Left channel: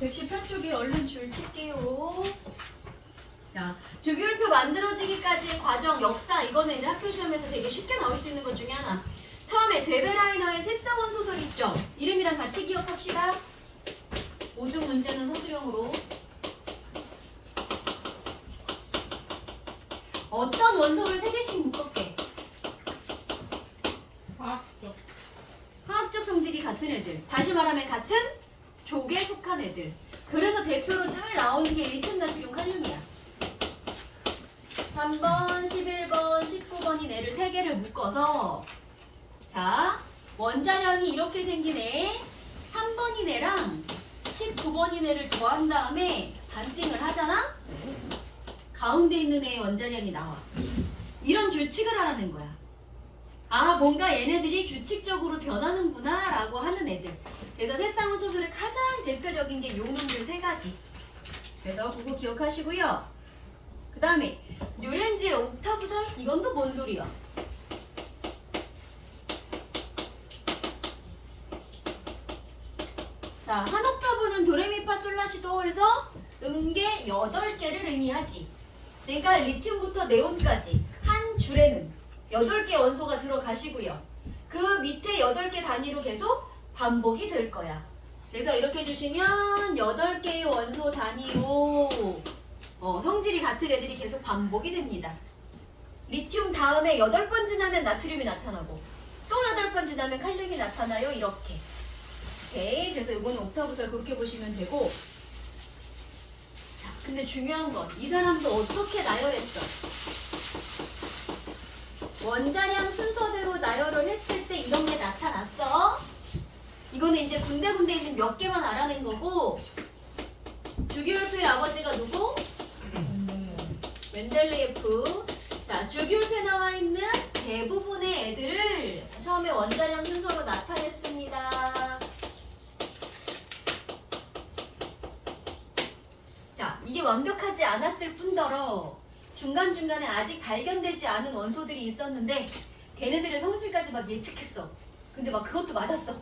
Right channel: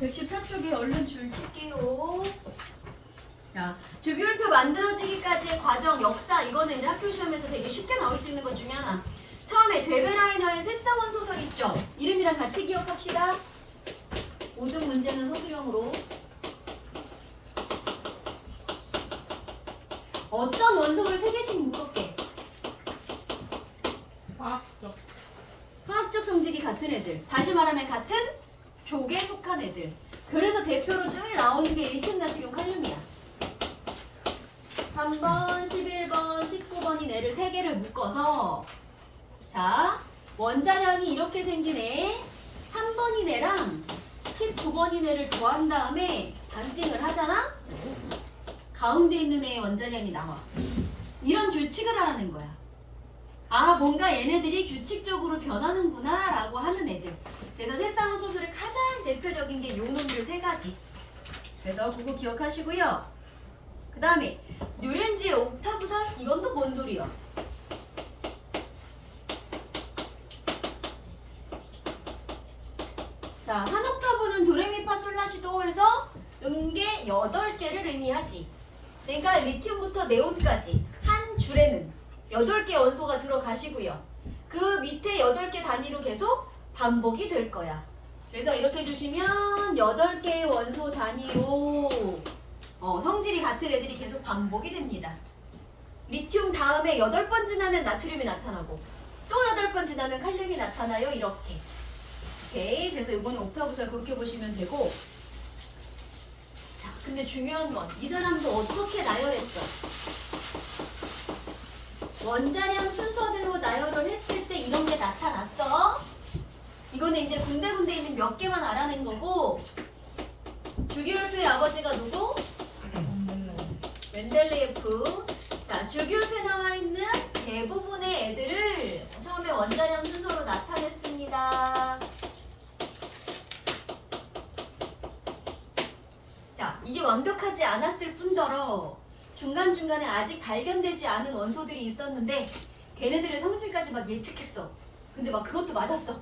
110편 쪽에 얼른 줄 칠게요. 자, 주기율표 만들어지기까지의 과정, 역사, 이거는 이제 학교 시험에서 되게 쉽게 나올 수 있는 것 중에 하나. 처음에 데베라이너의 새싹원 소설 있죠? 이름이랑 같이 기억합시다. 모든 문제는 소수형으로. 어떤 원소를 3개씩 묶을게. 화학적 성질이 같은 애들. 다시 말하면 같은 족에 속한 애들. 그래서 대표로 늘 나오는 게 1톤 나트륨 칼륨이야. 3번, 11번, 19번인 애를 3개를 묶어서 자, 원자량이 이렇게 생긴 애 3번인 애랑 19번인 애를 더한 다음에 반띵을 하잖아? 가운데 있는 애의 원자량이 나와. 이런 규칙을 하라는 거야. 아, 뭔가 얘네들이 규칙적으로 변하는구나 라고 하는 애들. 그래서 새쌍원 소설의 가장 대표적인 게 용놈들 3가지. 그래서 그거 기억하시고요. 그 다음에 뉴렌지의 옥타브살? 이건 또 뭔 소리야? 자, 한 옥타브는 도레미파솔라시도 해서 음계 8개를 의미하지. 그러니까 리튬부터 네온까지 한 줄에는 8개 원소가 들어가시고요. 그 밑에 8개 단위로 계속 반복이 될 거야. 그래서 이렇게 해주시면 8개의 원소 단위로 성질이 같은 애들이 계속 반복이 됩니다. 리튬 다음에 8번 지나면 나트륨이 나타나고 또 8번 지나면 칼륨이 나타나요. 이렇게. 오케이. 그래서 이거는 옥타브설 그렇게 보시면 되고. 자, 근데 중요한 건 이 사람도 어떻게 나열했어? 원자량 순서대로 나열을 했을 때 이런 게 나타났어. 이거는 이제 군데군데 있는 몇 개만 알아낸 거고. 주기율표의 아버지가 누구? 멘델레예프. 자, 주기율표에 나와 있는 대부분의 애들을 처음에 원자량 순서로 나타냈습니다. 자, 이게 완벽하지 않았을 뿐더러 중간중간에 아직 발견되지 않은 원소들이 있었는데 걔네들의 성질까지 막 예측했어. 근데 막 그것도 맞았어.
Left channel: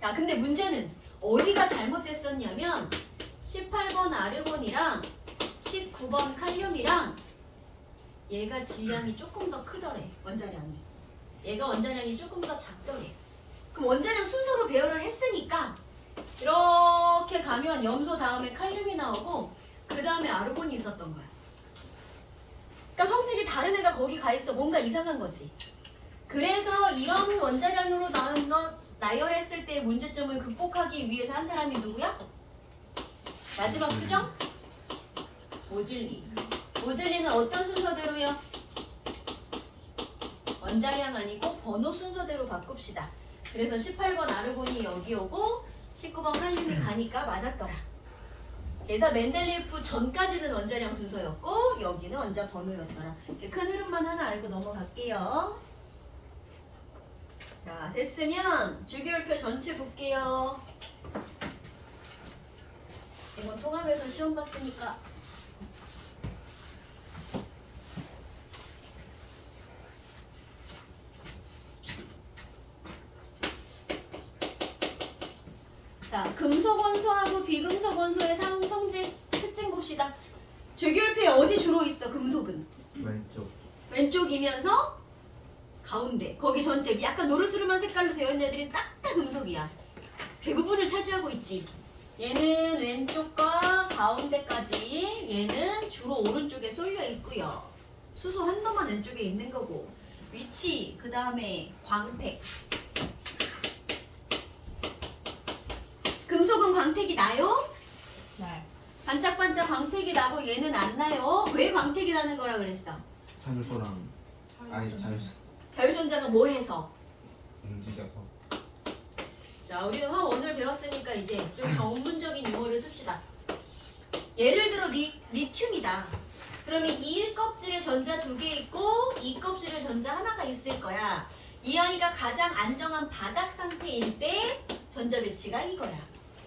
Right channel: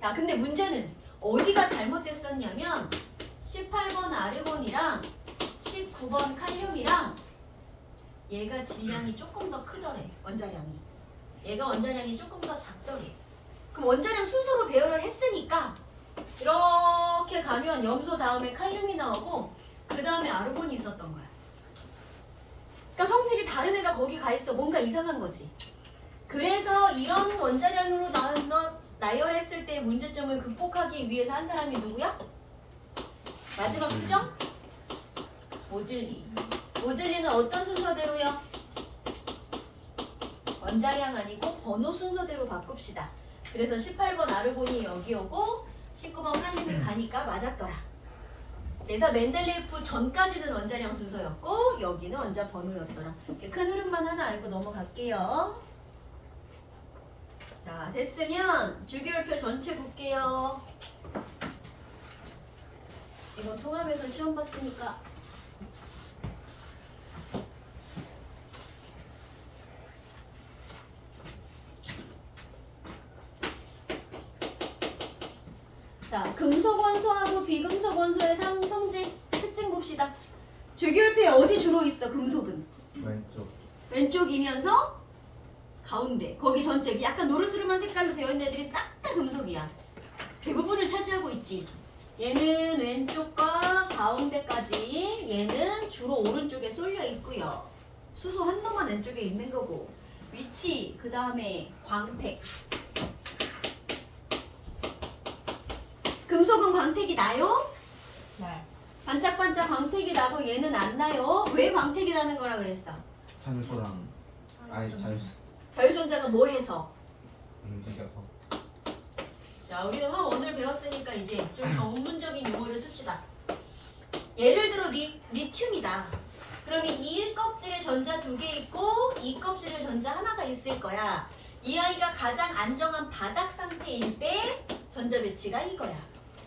자, 근데 문제는 어디가 잘못됐었냐면 18번 아르곤이랑 19번 칼륨이랑 얘가 질량이 조금 더 크더래. 원자량이. 얘가 원자량이 조금 더 작더래. 그럼 원자량 순서로 배열을 했으니까 이렇게 가면 염소 다음에 칼륨이 나오고 그 다음에 아르곤이 있었던 거야. 그러니까 성질이 다른 애가 거기 가 있어. 뭔가 이상한 거지. 그래서 이런 원자량으로 나온 것 나열했을 때의 문제점을 극복하기 위해서 한 사람이 누구야? 마지막 수정? 모즐리. 모즐리는 어떤 순서대로요? 원자량 아니고 번호 순서대로 바꿉시다. 그래서 18번 아르곤이 여기 오고 19번 칼륨이 가니까 맞았더라. 그래서 멘델레예프 전까지는 원자량 순서였고 여기는 원자 번호였더라. 이렇게 큰 흐름만 하나 알고 넘어갈게요. 자, 됐으면 주기율표 전체 볼게요. 이거 통합해서 시험 봤으니까 자, 금속 원소하고 비금속 원소의 성질 특징 봅시다. 주기율표에 어디 주로 있어? 금속은 왼쪽. 왼쪽이면서 가운데 거기 전체 약간 노르스름한 색깔로 되어 있는 애들이 싹 다 금속이야. 대부분을 차지하고 있지. 얘는 왼쪽과 가운데까지 얘는 주로 오른쪽에 쏠려 있고요. 수소 한 놈만 왼쪽에 있는 거고 위치 그 다음에 광택. 금속은 광택이 나요? 네. 반짝반짝 광택이 나고 얘는 안 나요. 왜 광택이 나는 거라 그랬어? 자율도랑 아니 자율손자가 뭐 해서? 움직여서. 자, 우리는 화원을 배웠으니까 이제 좀 전문적인 용어를 씁시다. 예를 들어 리튬이다. 그러면 이 1껍질에 전자 2개 있고 이 껍질에 전자 하나가 있을 거야. 이 아이가 가장 안정한 바닥 상태일 때 전자 배치가 이거야.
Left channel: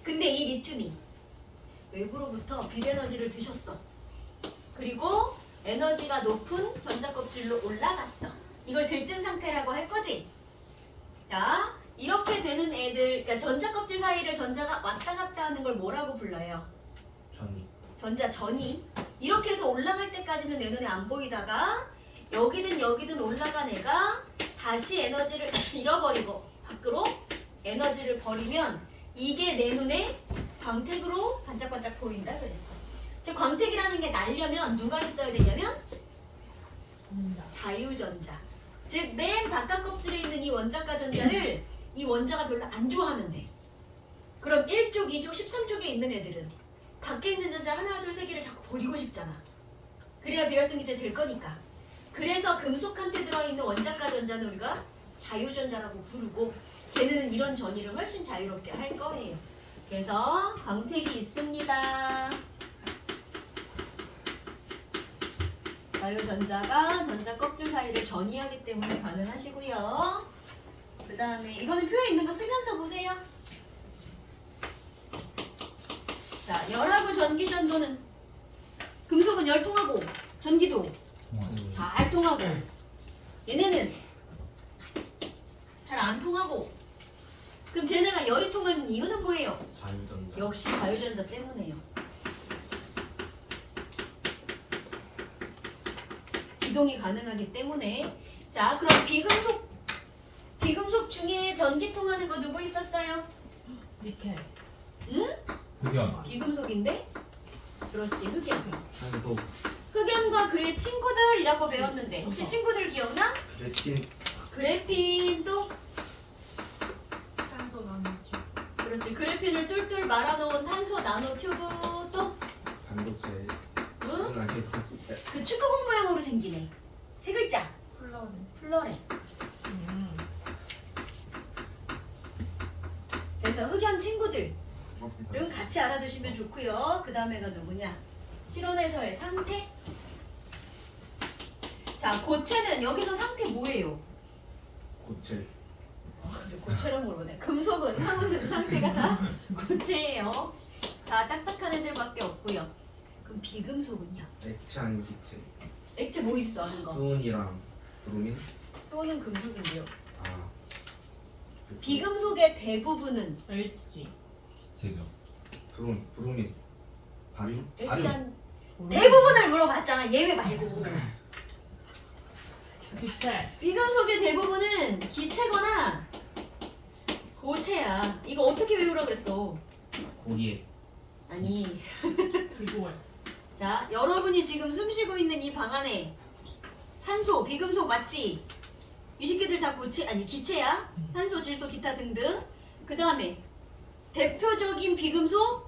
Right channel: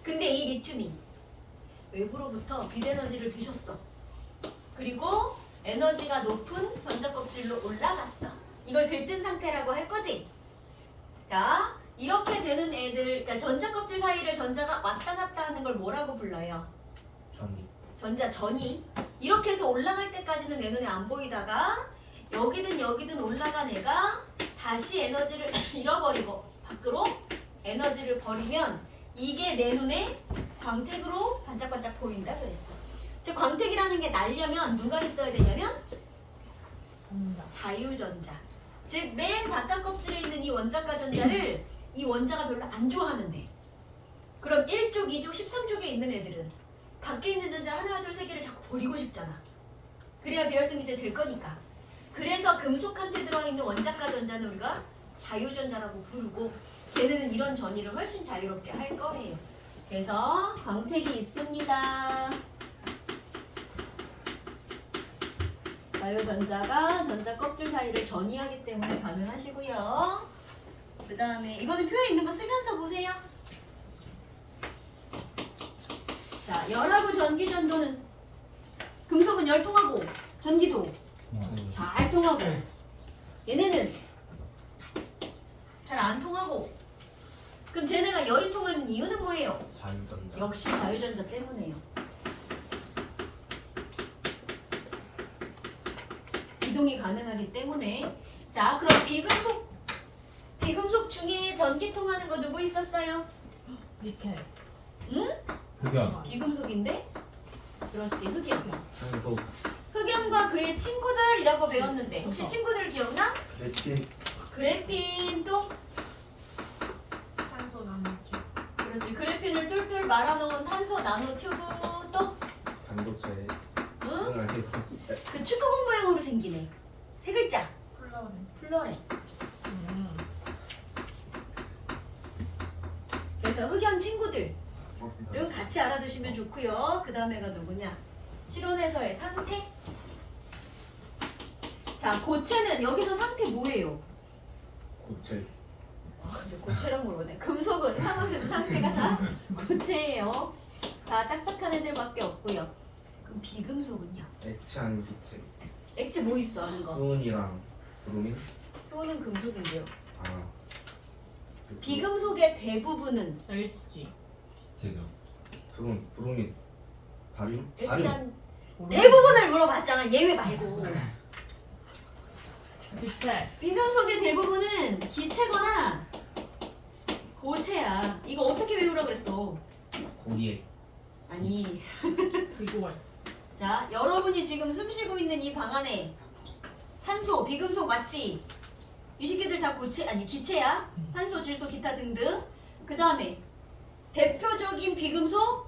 근데 이 리튬이 외부로부터 빛에너지를 드셨어. 그리고 에너지가 높은 전자 껍질로 올라갔어. 이걸 들뜬 상태라고 할 거지? 자, 이렇게 되는 애들, 그러니까 전자 껍질 사이를 전자가 왔다 갔다 하는 걸 뭐라고 불러요? 전이. 전자 전이. 이렇게 해서 올라갈 때까지는 내 눈에 안 보이다가 여기든 여기든 올라간 애가 다시 에너지를 잃어버리고 밖으로 에너지를 버리면 이게 내 눈에 광택으로 반짝반짝 보인다 그랬어. 즉 광택이라는 게 날려면 누가 있어야 되냐면 자유전자. 즉 맨 바깥 껍질에 있는 이 원자가 전자를 이 원자가 별로 안 좋아하는데, 그럼 1쪽, 2쪽, 13쪽에 있는 애들은 밖에 있는 전자 하나, 둘, 세 개를 자꾸 버리고 싶잖아. 그래야 비활성 기제 될 거니까. 그래서 금속한테 들어있는 원자가 전자는 우리가 자유전자라고 부르고, 걔네는 이런 전이를 훨씬 자유롭게 할 거예요. 그래서 광택이 있습니다. 자유전자가 전자 껍질 사이를 전이하기 때문에 가능하시고요. 그 다음에 이거는 표에 있는 거 쓰면서 보세요. 자, 열하고 전기 전도는 금속은 열 통하고 전기도 잘 통하고, 얘네는 잘 안 통하고. 그럼 쟤네가 열이 통하는 이유는 뭐예요? 자유전자. 역시 자유전자 때문에요. 이동이 가능하기 때문에. 자, 그럼 비금속 중에 전기 통하는 거 누구 있었어요? 니켈. 응? 흑연. 비금속인데? 그렇지, 흑연. 산소. 흑연과 그의 친구들이라고 배웠는데 혹시 친구들 기억나? 레틴. 그래핀 또? 탄소 나누기. 그렇지, 그래핀을 툴툴 말아놓은 탄소 나노 튜브 또? 반도체. 응? 그건 알겠지. 그 축구공 모양으로 생기네. 세 글자. 플로렌. 플로레. 그래서 흑연 친구들을 같이 알아두시면 좋고요. 그 다음에가 누구냐? 실온에서의 상태. 자, 고체는 여기서 상태 뭐예요? 고체. 근데 고체랑 물어보네. 금속은 상온에서 상태가 다 고체예요. 다 딱딱한 애들밖에 없고요. 그럼 비금속은요? 액체 아닌 기체. 액체 뭐 있어 하는 거? 수은이랑 브로민. 수온은 금속인데요. 아. 비금속의 대부분은 LG. 기체죠. 브로민. 바륨. 일단 대부분을 물어봤잖아. 예외 말고. 기체. 비금속의 대부분은 기체거나 고체야. 이거 어떻게 외우라 그랬어? 고리에. 아니. 비주얼. 자, 여러분이 지금 숨쉬고 있는 이 방 안에 산소, 비금속 맞지? 이 새끼들 다 고체, 아니 기체야. 산소, 질소, 기타 등등. 그 다음에 대표적인 비금속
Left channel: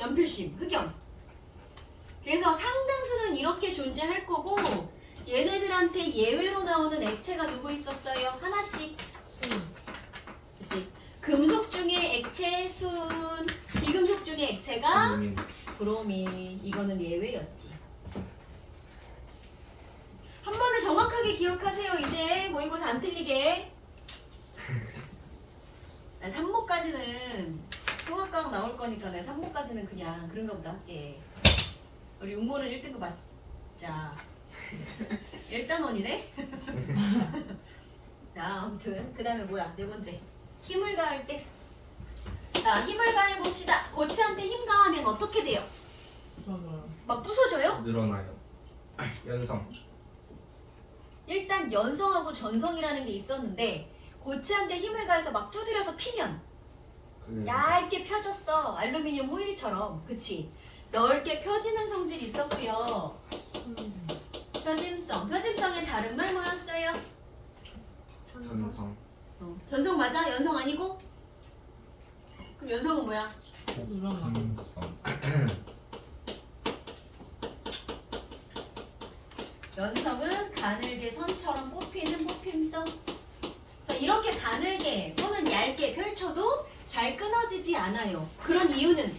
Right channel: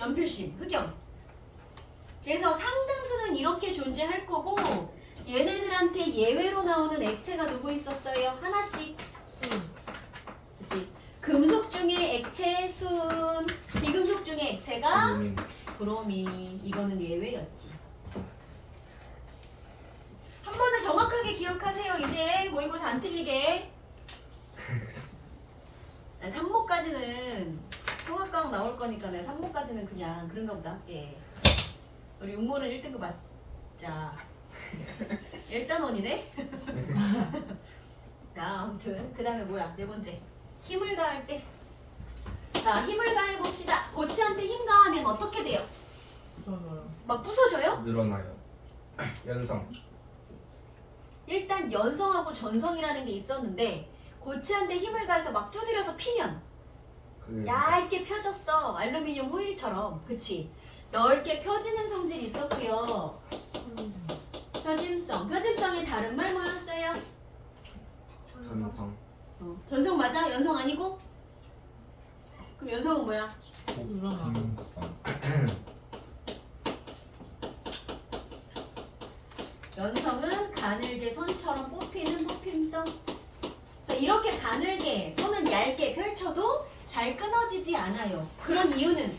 연필심, 흑연. 그래서 상당수는 이렇게 존재할 거고, 얘네들한테 예외로 나오는 액체가 누구 있었어요? 하나씩. 그치? 금속 중에 액체, 순, 비금속 중에 액체가 브로민. 브로민. 이거는 예외였지. 한 번에 정확하게 기억하세요. 이제 모의고사 안 틀리게. 난 3모까지는 통합과학 나올 거니까 내가 3모까지는 그냥 그런가 보다 할게. 우리 육모는 1등급 맞자. 일단원이네. 자, 아무튼 그 다음에 뭐야? 네 번째. 힘을 가할 때. 자, 힘을 가해 봅시다. 고체한테 힘 가하면 어떻게 돼요? 저는 막 부서져요? 늘어나요. 연성. 일단 연성하고 전성이라는 게 있었는데, 고체한테 힘을 가해서 막 두드려서 피면 그 얇게 펴졌어. 알루미늄 호일처럼. 그치? 넓게 펴지는 성질이 있었고요. 펴짐성. 펴짐성의 다른 말 뭐였어요? 전성. 전성 맞아? 연성 아니고? 그럼 연성은 뭐야? 늘어나고. 연성은 가늘게 선처럼 뽑히는 뽑힘성. 이렇게 가늘게 또는 얇게 펼쳐도 잘 끊어지지 않아요. 그런 이유는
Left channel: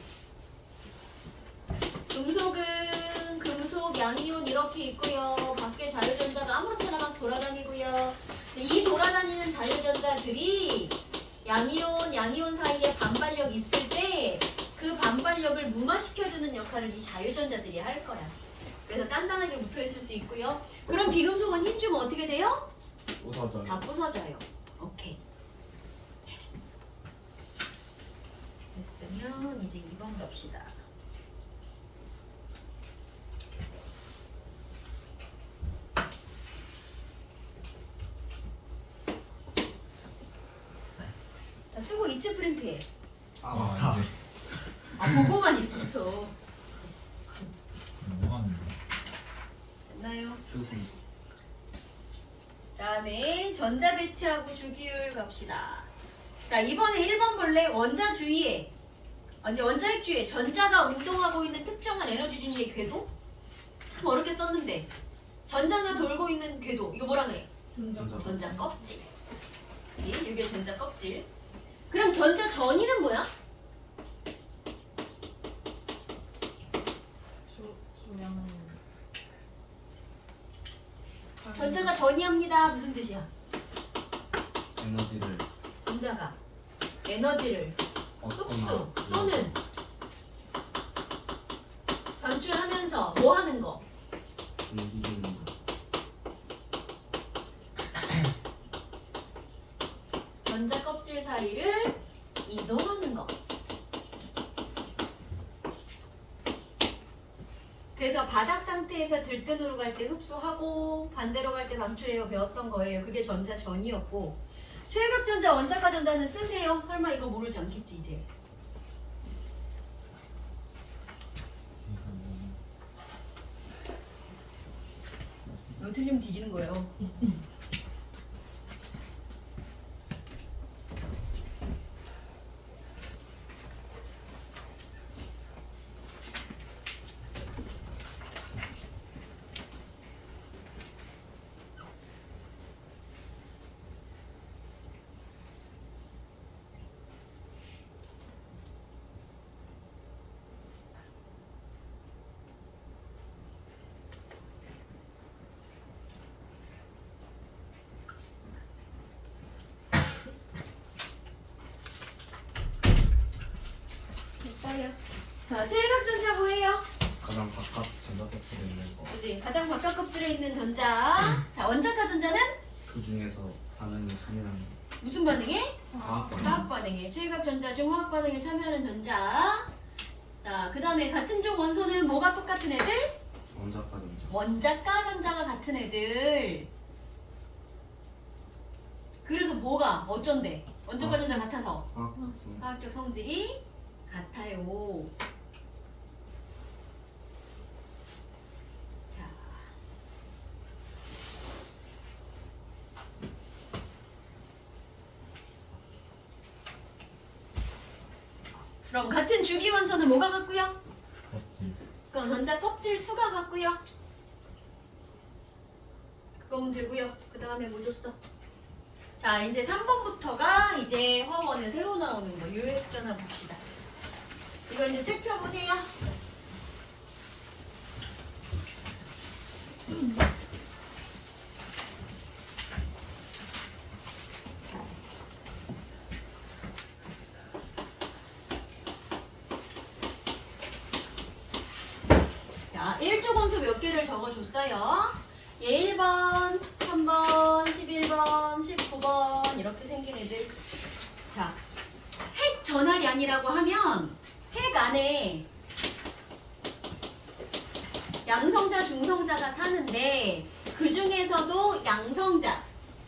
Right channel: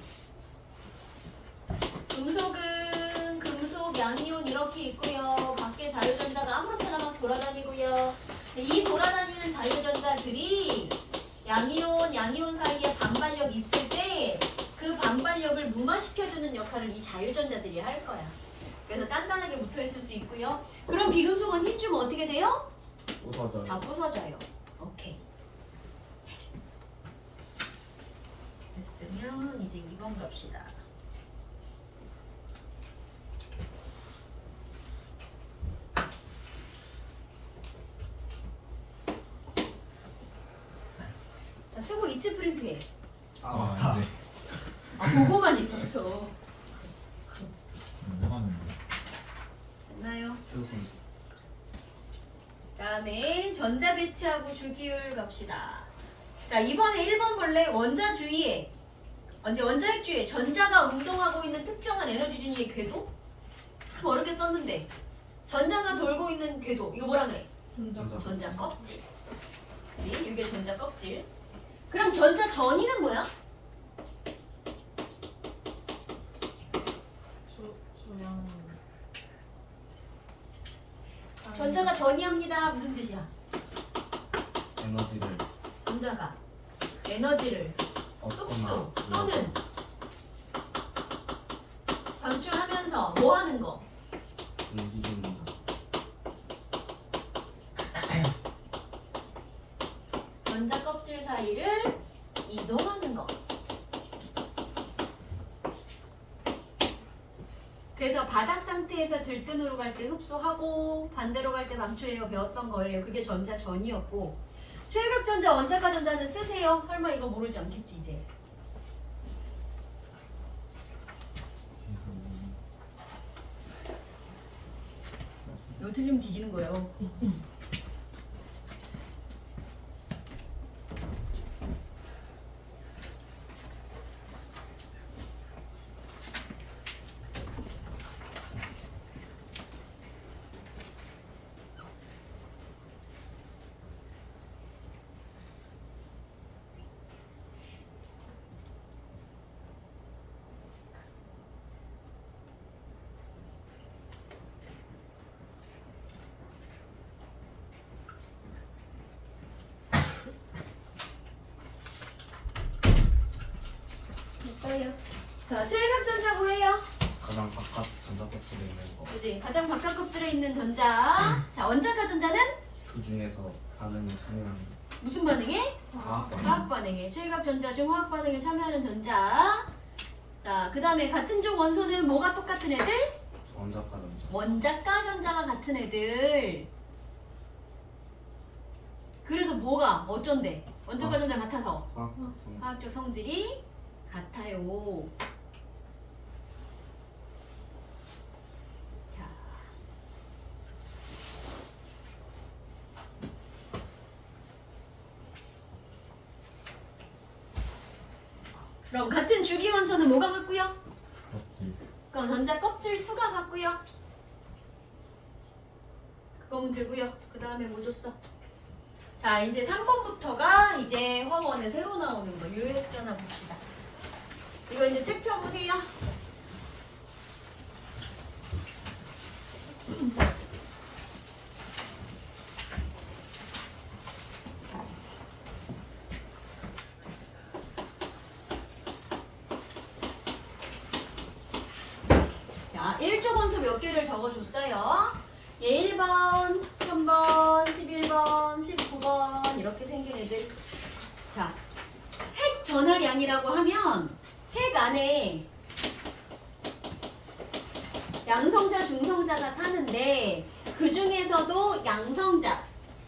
금속은 금속, 양이온 이렇게 있고요. 밖에 자유전자가 아무렇게나 막 돌아다니고요. 이 돌아다니는 자유전자들이 양이온 사이에 반발력 있을 때 그 반발력을 무마시켜주는 역할을 이 자유전자들이 할 거야. 그래서 단단하게 붙어있을 수 있고요. 그럼 비금속은 힘 주면 어떻게 돼요? 부서져요. 다 부서져요. 오케이. 그러면 이제 2번 갑시다. 자, 쓰고 이츠 프린트해. 아 맞다. 이제 아, 보고만 있었어. 뭐 하는 거야? 됐나요? 주승. 다음에 전자 배치하고 주기율 갑시다. 자, 이번에 1번 볼래? 원자 주위에 원자핵 주위에 전자가 운동하고 있는 특정한 에너지 준위의 궤도? 참 어렵게 썼는데 전자가 돌고 있는 궤도 이거 뭐라 그래? 전자. 전자 껍질. 그치? 이게 전자 껍질. 그럼 전자 전이는 뭐야? 수량. 전자가 전이합니다. 무슨 뜻이야? 에너지를 전자가 에너지를 흡수 얻거나 또는 방출하면서 뭐 하는 거? 움직이는 거. 전자 껍질 사이를 이동하는 거. 그래서 바닥 상태에서 들뜬으로 갈 때 흡수하고 반대로 갈 때 방출해요 배웠던 거예요. 그게 전자 전이었고 최외각 전자 원자가 전자는 쓰세요. 설마 이거 모르지 않겠지 이제. 이거 틀리면 뒤지는 거예요. 됐어요. 자, 최외각 전자 뭐예요? 가장 바깥 전자껍질에 있는 거. 그지? 가장 바깥 껍질에 있는 전자. 자, 원자가 전자는 그 중에서 반응에 참여하는 무슨 반응에? 화학 반응. 화학 반응에. 최외각 전자 중 화학 반응에 참여하는 전자. 자, 그 다음에 같은 쪽 원소는 뭐가 똑같은 애들? 원자과 전자. 원자과 전자가 같은 애들. 그래서 뭐가 어쩐데? 원자과 전자 같아서 화학 성. 화학적 성질이 같아요. 자. 그럼 같은 주기 원소는 뭐가 같고요? 껍질. 그럼 전자 껍질 수가 같고요. 그거면 되고요. 그 다음에 뭐 줬어? 자, 이제 3번부터가 이제 화원에 새로 나오는 거 유액전화 봅시다. 이거 이제 책 펴보세요. 자, 1조 원소 몇 개를 적어줬어요. 예, 1번, 3번, 11번, 19번 이렇게 생긴 애들. 자, 핵 전하량이라고 하면 핵 안에 양성자, 중성자가 사는데 그 중에서도 양성자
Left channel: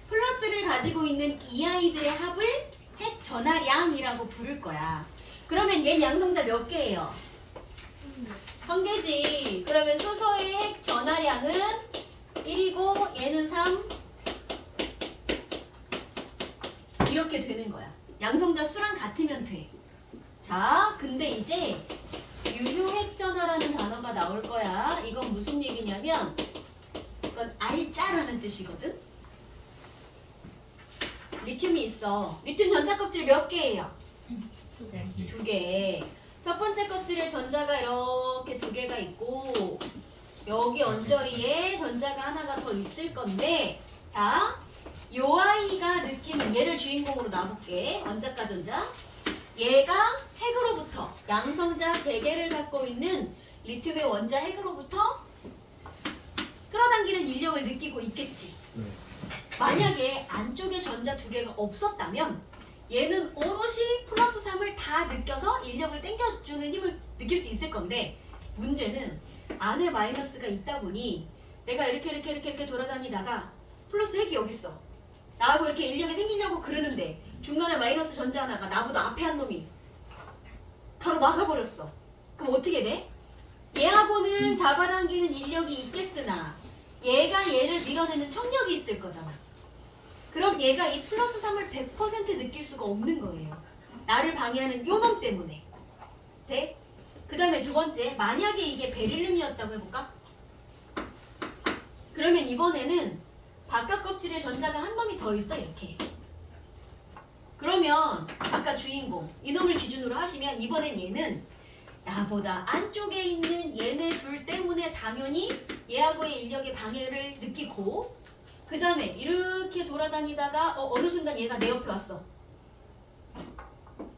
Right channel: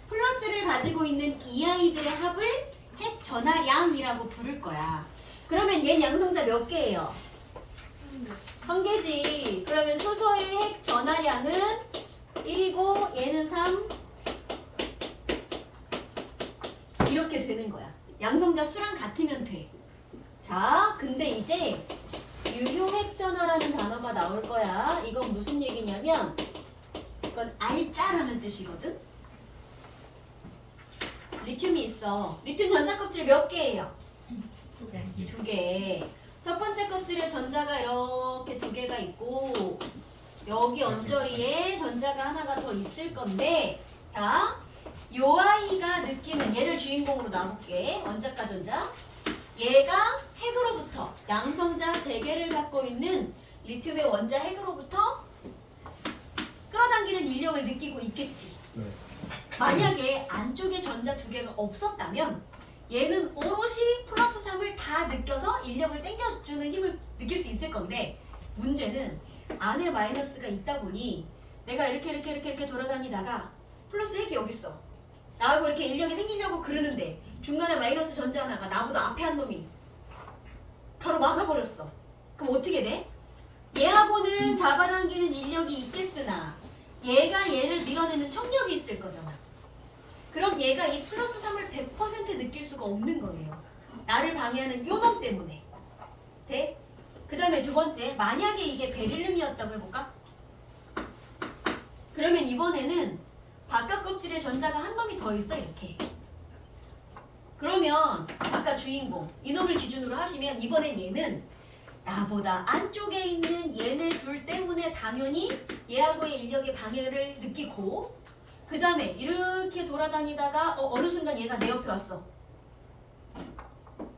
플러스를 가지고 있는 이 아이들의 합을 핵 전하량이라고 부를 거야. 그러면 얘는 양성자 몇 개예요? 한 개지. 그러면 수소의 핵 전하량은 1이고 얘는 3 이렇게 되는 거야. 양성자 수랑 같으면 돼. 자, 근데 이제 유효핵전화라는 단어가 나올 거야. 이건 무슨 얘기냐면 이건 알짜라는 뜻이거든. 리튬이 있어. 리튬 전자 껍질 몇 개예요? 두 개. 이게 2개. 첫 번째 껍질에 전자가 이렇게 2개가 있고 여기 언저리에 전자가 하나가 더 있을 건데, 자, 요 아이가 느끼는 얘를 주인공으로 놔볼게. 원자과 전자. 얘가 핵으로부터 양성자 3개를 갖고 있는 리튬의 원자 핵으로부터 끌어당기는 인력을 느끼고 있겠지. 네. 만약에 안쪽에 전자 2개가 없었다면 얘는 오롯이 플러스 3을 다 느껴서 인력을 땡겨주는 힘을 느낄 수 있을 건데 문제는 안에 마이너스가 있다 보니 내가 이렇게 돌아다니다가 플러스 핵이 여기 있어. 나하고 이렇게 인력이 생기려고 그러는데 중간에 마이너스 전자 하나가 나보다 앞에 한 놈이 바로 막아버렸어. 그럼 어떻게 돼? 얘하고는 잡아당기는 인력이 있겠으나 얘가 얘를 밀어내는 청력이 있을 거잖아. 그럼 얘가 이 플러스 3을 100% 느낄 수가 없는 거예요. 나를 방해하는 요 놈 때문에. 돼? 그 다음에 두 번째, 만약에 이게 베릴륨이었다고 해볼까? 그러면 이번에는 바깥 껍질에 전자가 한 놈이 더 있어 이렇게. 그러면 아까 주인공 이놈을 기준으로 하시면 이번엔 얘는 나보다 안쪽에 있는 얘네 둘 때문에 당연히 얘하고의 인력의 방해를 느끼고 그 다음에 이렇게 돌아다니다가 어느 순간 얘가 내 옆에 왔어.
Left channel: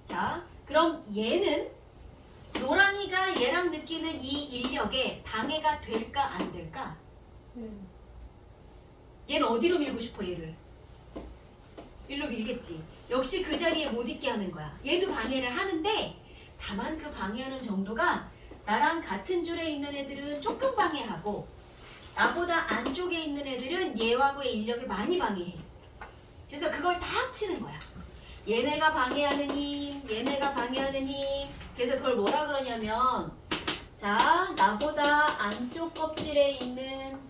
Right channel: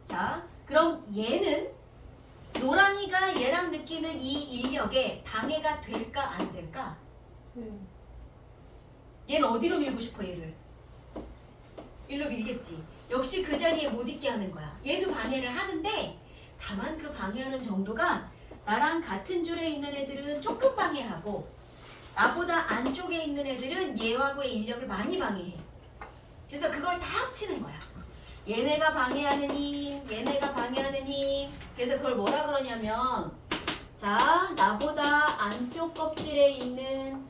자, 그럼 얘는 노랑이가 얘랑 느끼는 이 인력에 방해가 될까 안 될까? 얘는 어디로 밀고 싶어 얘를? 일로 밀겠지. 역시 그 자리에 못 있게 하는 거야. 얘도 방해를 하는데 다만 그 방해하는 정도가 나랑 같은 줄에 있는 애들은 조금 방해하고 나보다 안쪽에 있는 애들은 얘하고의 인력을 많이 방해해. 그래서 그걸 다 합치는 거야. 얘네가 방해하는 힘, 얘네가 방해하는 힘. 그래서 그걸 뭐라 그러냐면 자, 나보다 안쪽 껍질에 있는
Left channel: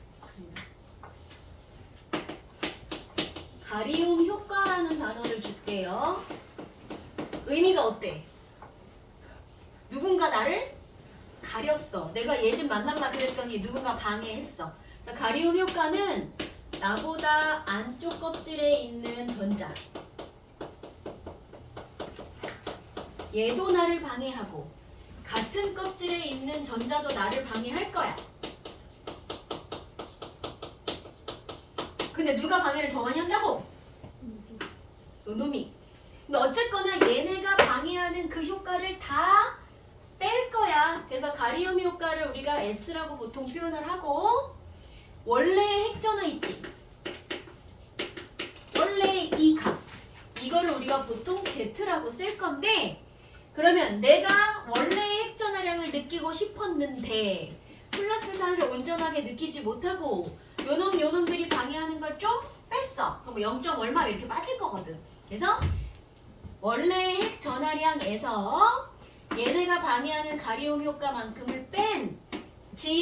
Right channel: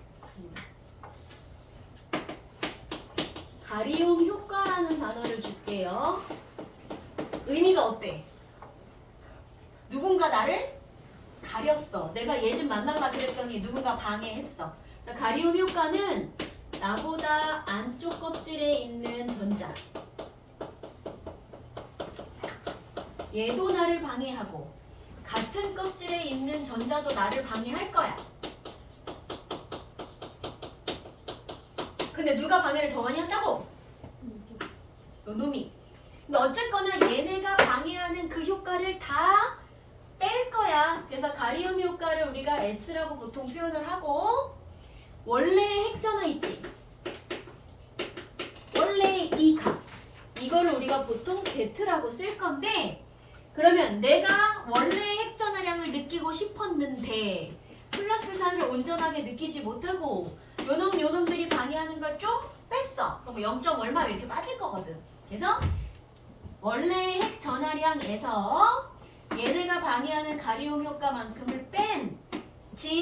가리움 효과라는 단어를 줄게요. 의미가 어때? 누군가 나를 가렸어. 내가 얘 좀 만날라 그랬더니 누군가 방해했어. 자, 가리움 효과는 나보다 안쪽 껍질에 있는 전자. 얘도 나를 방해하고 같은 껍질에 있는 전자도 나를 방해할 거야. 근데 누가 방해를 더 많이 한다고? 요놈이. 근데 어쨌거나 얘네가 방해하는 그 효과를 다 뺄 거야. 그래서 가리움 효과를 우리가 S라고 보통 표현을 하고 원래의 핵전화 있지? 원래 이 값. 이거를 우리가 보통 Z라고 쓸 건데 그러면 내가 원래의 핵전화량을 느끼고 싶었는데 플러스 4를 온전하게 느끼지 못하고 요놈들이 방해하는 걸 좀 뺐어. 그럼 0. 얼마 이렇게 빠질 거거든. 그래서 원래 핵 전하량에서 얘네가 방해하는 가리움 효과만큼을 뺀 진짜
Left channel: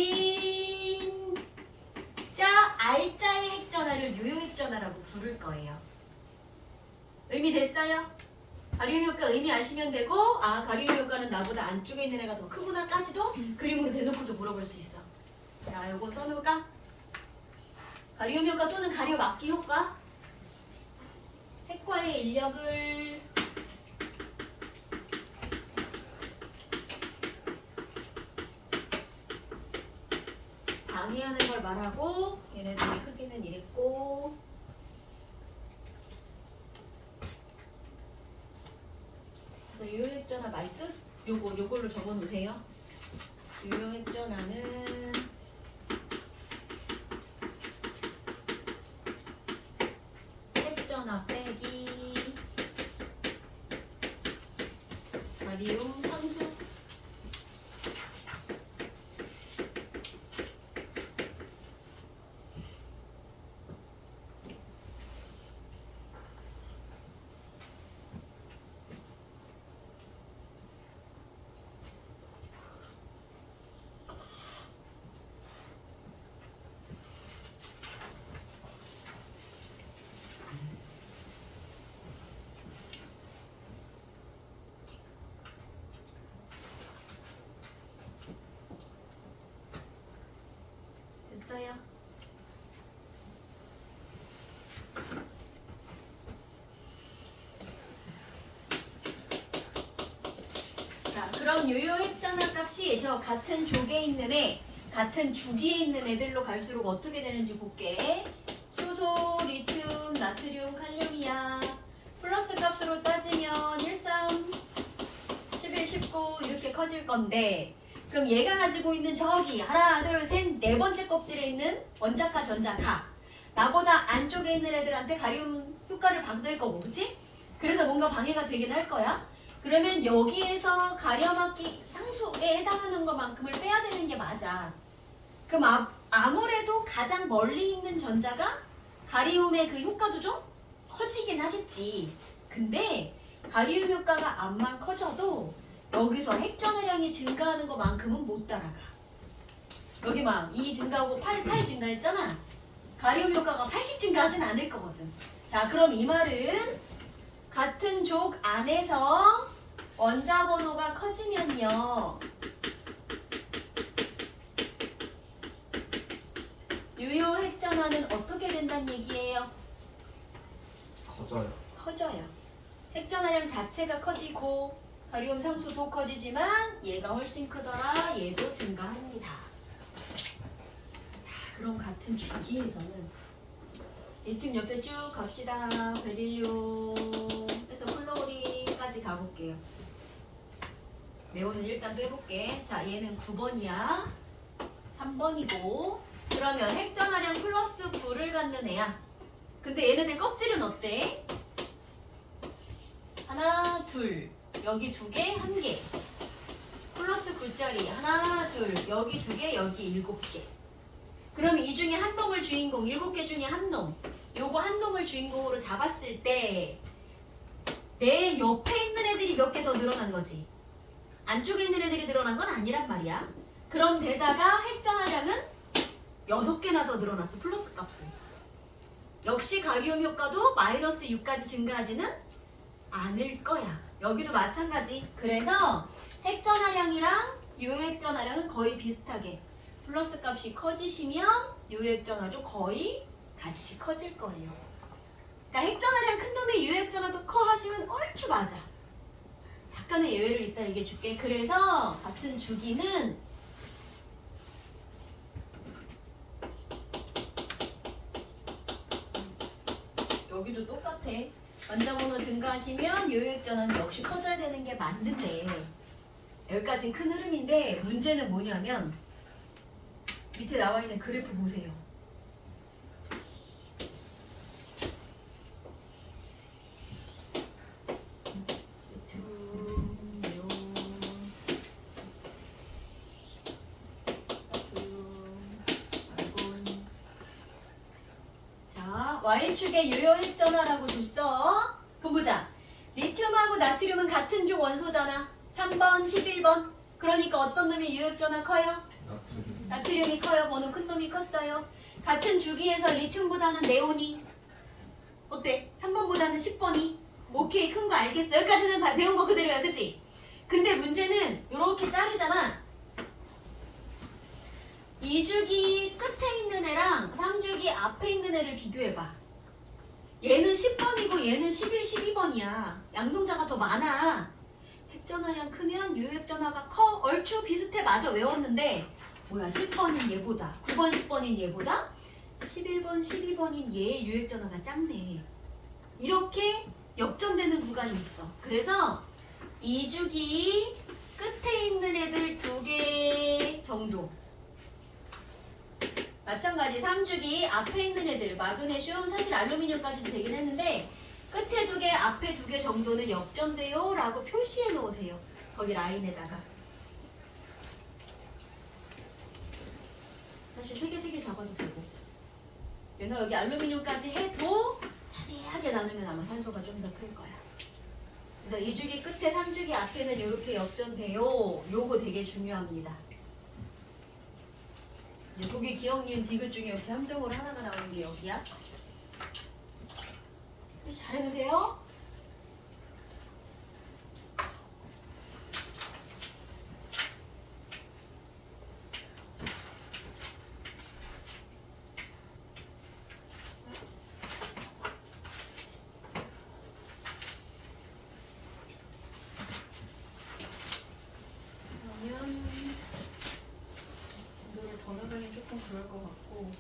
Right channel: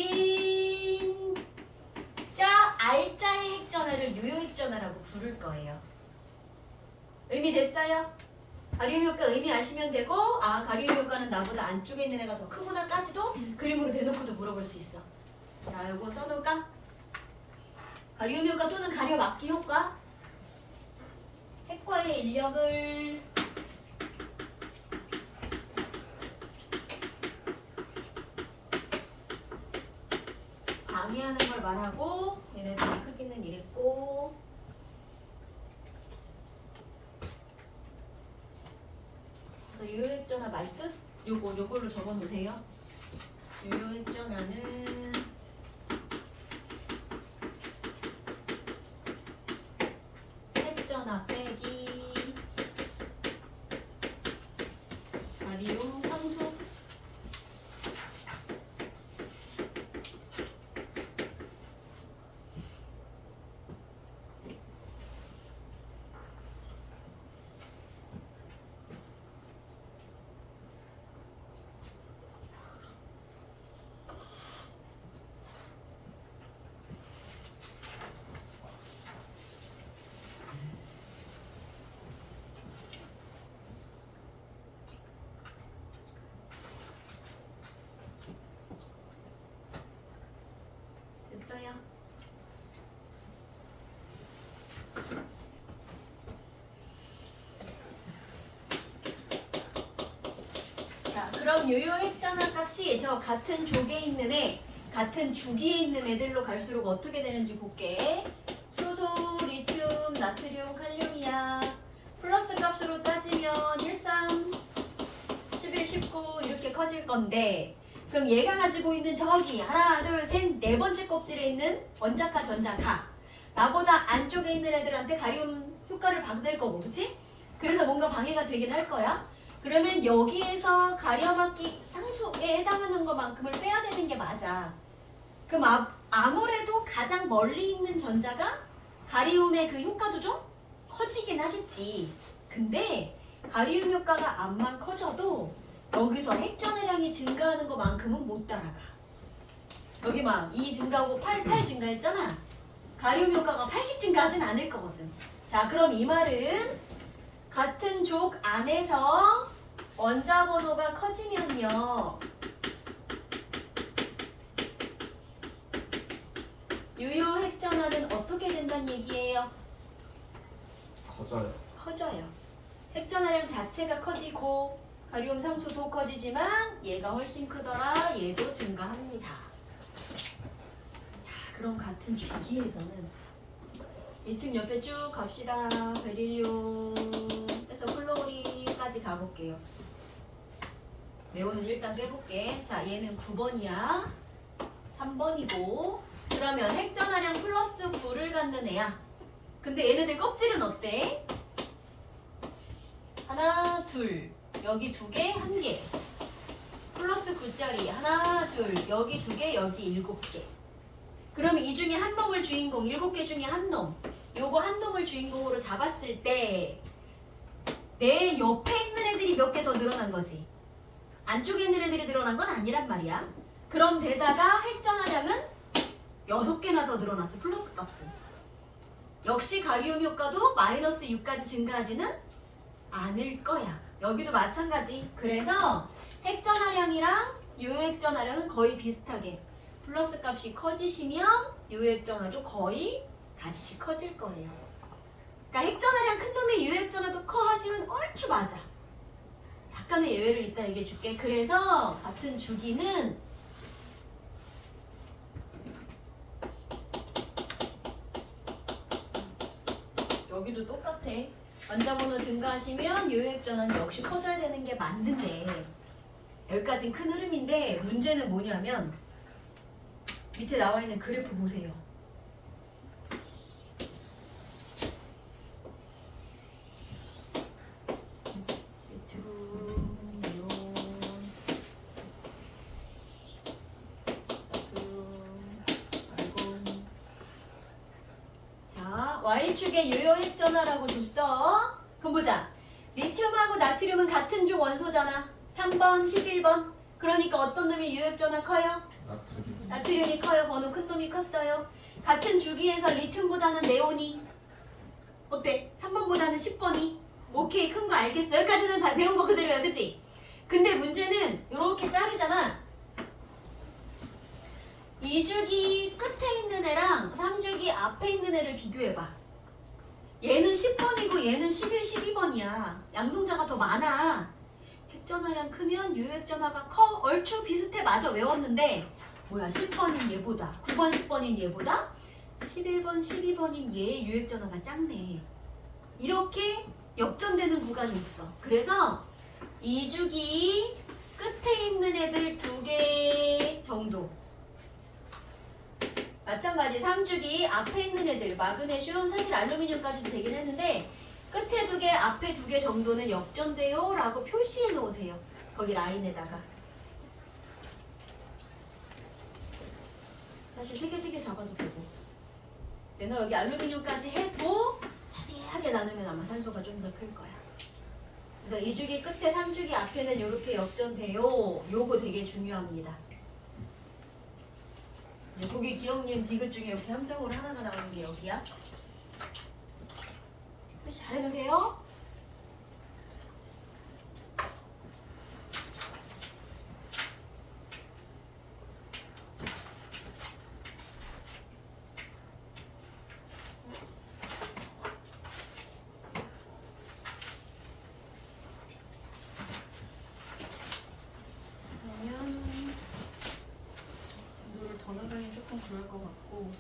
알짜의 핵 전하를 유효 핵 전하라고 부를 거예요. 의미 됐어요? 가리움 효과 의미 아시면 되고 아 가리움 효과는 나보다 안쪽에 있는 애가 더 크구나까지도 그림으로 대놓고도 물어볼 수 있어. 자, 요거 써놓을까? 가리움 효과 또는 가려 막기 효과. 핵과의 인력을 방해하는 걸 말하고 얘네들의 크기는 이랬고 유효핵전화 말뜻 요걸로 적어 놓으세요. 유효핵전화는 핵전화 빼기 가리움 상수. 됐어요? 자, 그럼 유효핵전화 값이 저 같은 족에 있는 애, 같은 주기에 있는 애들로 갈수록 어떻게 되는지 볼게. 수소, 리튬, 나트륨, 칼륨이야. 플러스 값으로 따지면 13, 11, 19 이렇게 커질 건데 그럼 얘가 가지고 있는 저기 하나, 둘, 셋, 네 번째 껍질에 있는 원자카, 전자카 나보다 안쪽에 있는 애들한테 가리움 효과를 받을 거고 그치? 그래서 뭔가 방해가 되긴 할 거야. 그러면 여기에서 가려막기 상수에 해당하는 것만큼을 빼야 되는 게 맞아. 그럼 아무래도 가장 멀리 있는 전자가 가리움의 그 효과도 좀 커지긴 하겠지. 근데 가리움 효과가 암만 커져도 여기서 핵전해량이 증가하는 것만큼은 못 따라가. 여기 막 2 증가하고 8 증가했잖아. 가리움 효과가 80 증가하진 않을 거거든. 자, 그럼 이 말은 같은 족 안에서 원자 번호가 커지면요. 유효 핵전화는 어떻게 된다는 얘기예요? 커져요. 커져요. 핵전화량 자체가 커지고 가리움 상수도 커지지만 얘가 훨씬 크더라. 얘도 증가합니다. 그럼 같은 주기에서는 리튬 옆에 쭉 갑시다. 베릴륨에서 플로리까지 가볼게요. 네온은 일단 빼볼게. 자, 얘는 9번이야. 3번이고. 그러면 핵전화량 플러스 9를 갖는 애야. 근데 얘네들 껍질은 어때? 하나, 둘. 여기 2개, 1개. 플러스 9짜리. 하나, 둘. 여기 2개, 여기 7개. 그럼 이 중에 한 놈을 주인공, 7개 중에 한 놈. 요거 한 놈을 주인공으로 잡았을 때 내 옆에 있는 애들이 몇 개 더 늘어난 거지. 안쪽에 있는 애들이 늘어난 건 아니란 말이야. 그런데다가 핵전화량은 6개나 더 늘어났어. 플러스 값은. 역시 가리움 효과도 마이너스 6까지 증가하지는 않을 거야. 여기도 마찬가지. 그래서 핵전화량이랑 유핵전화량은 거의 비슷하게 플러스 값이 커지시면 유핵전화도 거의 같이 커질 거예요. 그러니까 핵전화량 큰 놈의 유핵전화도 커 하시면 얼추 맞아. 약간의 예외를 이따 얘기해 줄게. 그래서 같은 주기는 여기도 똑같아. 원자번호 증가하시면 유핵전화는 역시 커져야 되는 게 맞는데 여기까지 큰 흐름인데 문제는 뭐냐면 밑에 나와 있는 그래프 보세요. 자, Y축에 유효 핵전화라고 줬어. 그럼 보자. 리튬하고 나트륨은 같은 족 원소잖아. 3번, 11번. 그러니까 어떤 놈이 유효핵전화 커요? 나트륨. 나트륨이 커요. 번호 큰 놈이 컸어요. 같은 주기에서 리튬보다는 네온이 어때? 3번보다는 10번이 오케이. 큰 거 알겠어. 여기까지는 다 배운 거 그대로야. 그치? 근데 문제는 이렇게 자르잖아. 2주기 끝에 있는 애랑 3주기 앞에 있는 애를 비교해봐. 얘는 10번이고 얘는 11, 12번이야. 양성자가 더 많아. 핵전화량 크면 유핵전화가 커. 얼추 비슷해. 맞아. 외웠는데 뭐야 10번인 얘보다 9번 10번인 얘보다 11번 12번인 얘의 유핵전화가 작네. 이렇게 역전되는 구간이 있어. 그래서 2주기 끝에 있는 애들 2개 정도. 마찬가지 3주기 앞에 있는 애들 마그네슘 사실 알루미늄까지도 되긴 했는데 끝에 2개 앞에 2개 정도는 역전돼요 라고 표시해 놓으세요. 거기 라인에다가 사실 3개 잡아도 되고 얘는 여기 알루미늄까지 해도 자세하게 나누면 아마 산소가 좀 더 클 거야. 그래서 2주기 끝에 3주기 앞에는 이렇게 역전돼요. 요거 되게 중요합니다. 거기 기억님 디귿 중에 이렇게 함정으로 하나가 나오는 게 여기야. 표시 잘 해두세요. 그러면 이거를 더 나가면 조금 그럴 것 같고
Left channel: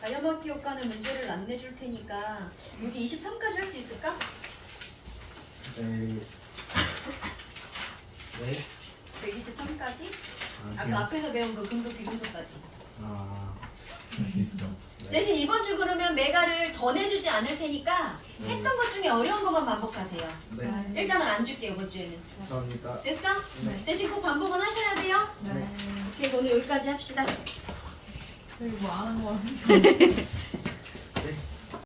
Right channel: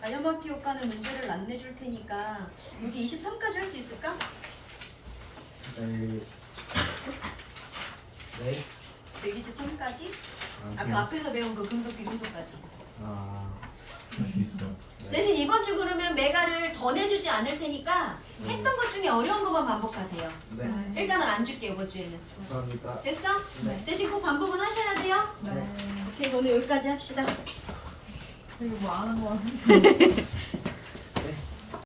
가려막기 효과는 문제를 안 내줄 테니까 여기 23까지 할 수 있을까? 네. 네? 123까지? 아, 아까 앞에서 배운 그 금속 비금속까지. 아, 대신 이번 주 그러면 메가를 더 내주지 않을 테니까 했던 것 중에 어려운 것만 반복하세요. 네. 일단은 안 줄게 이번 주에는. 감사합니다. 됐어? 네. 대신 꼭 반복은 하셔야 돼요. 네. 오케이 오늘 여기까지 합시다. 이거 뭐 안 한 거 같은데.